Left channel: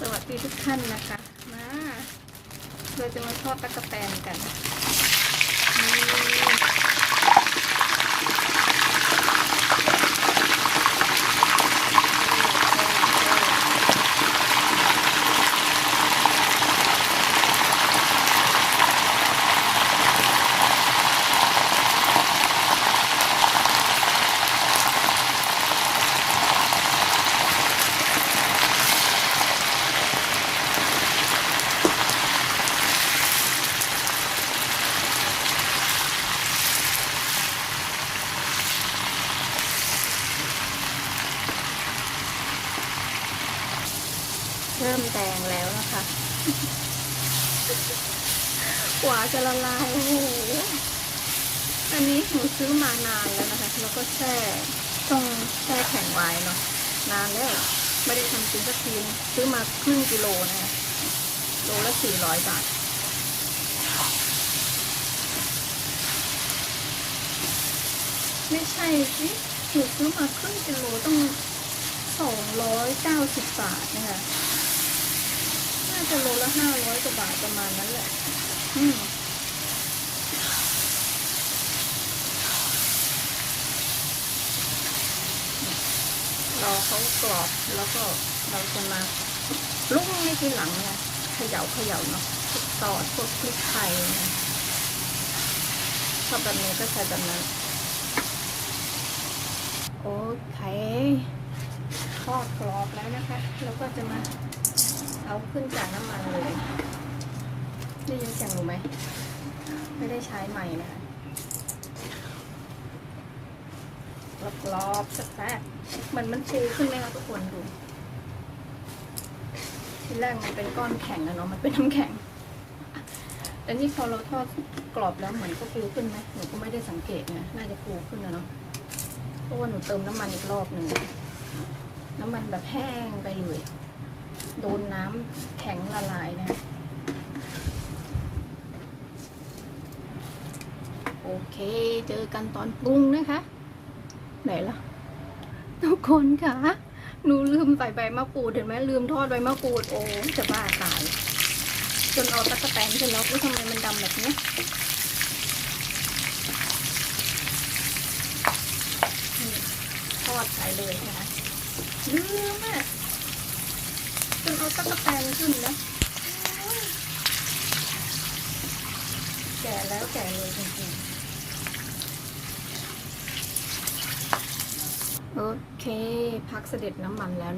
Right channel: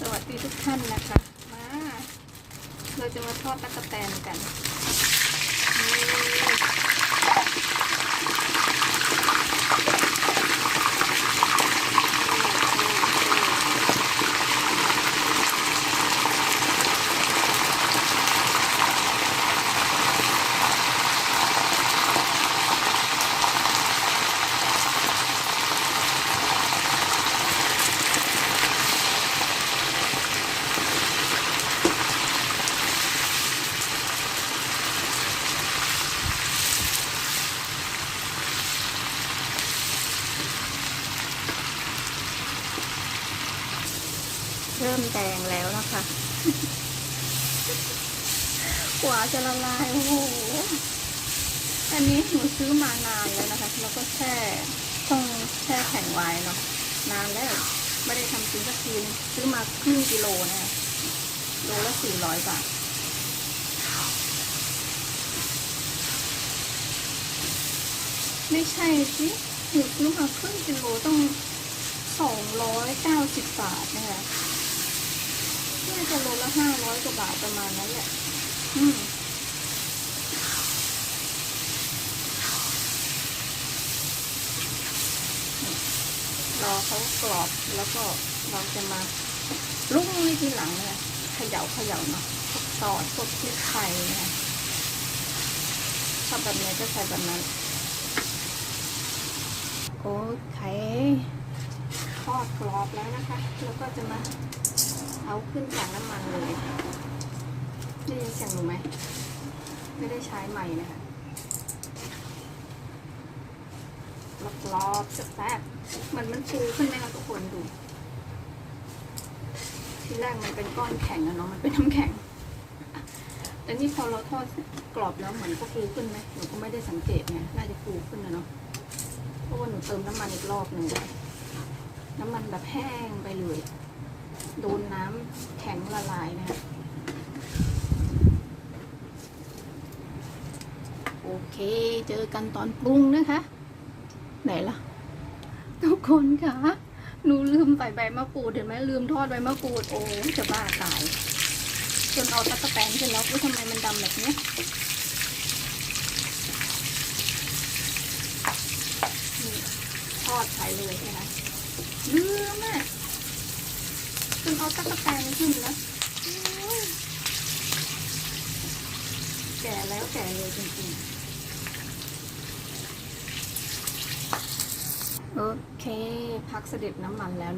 สวัสดีทุกท่านนะคะ มา เราจะมาทอดตะกะแตนกันนี่ เริ่มแดงแล้วนะคะกว่าจะละลายโอ้โหอันนี้หนูซื้อมานานแล้วนะคะ แล้วก็แช่ต้องแช่แข็งไว้เนาะนานแล้วไม่ได้ทำกินสักทีนึงซื้อมาครึ่งกิโลนะคะโลละสี่ร้อยบาทไม่ใช่สิหนูซื้อมาครึ่งกิโลต้องสองร้อยเก้าสิบบาทนะคะ น่าจะโลละห้าร้อยกว่าบาทประมาณนั้นแหละ อืมรอเขากรอบแล้วก็เราจะมาลุกในทีหลังเนี่ยเขย่าเขย่าเนาะพวกซอสพวกพริกไทยเนี่ยชอบแบบไหนก็ใส่แบบนั้น โอเคทอดกรอบแล้วนะคะ แล้วก็จะมา เอาขึ้นจากน้ำมันเลยได้ยินเสียงหนูไหม ไม่ได้ใช้ใหม่นะคะกรอบๆแซ่บๆมันมันฟูขึ้นไหมคะทุกคนดู ทีแรกมันเป็นก้อนแข็งอะเนาะมันเป็นน้ำแข็งแต่นี่พอเราทอดกรอบแล้วเหมือนก็ฟูขึ้นไหมหนูก็ไม่ได้สังเกตนะน่าจะฟูขึ้นนะเนาะเพราะว่าหนูเติมน้ำมันอีกรอบหนึ่งน้ำมันแบบแห้งไปเลย โดนน้ำแข็งละลายนะโอเค เจอกันตอนปรุงนะคะ ไหนล่ะ ทุกคนคะหนูลืมใส่ใบมะกรูดเห็นไหมลืมทอดใบมะกรูด โอ้จะบ้าตาย จนเอาตะกะแตนเสร็จแล้วก็ทำไมมันดำแบบนี้ทอดใส่เลยนะคะลืมอะ จนเอาตะกะแตนขึ้นนะแก่แล้วแก่เลยจริงๆ โอเค พักเสด็จน้ำมันแล้วนะ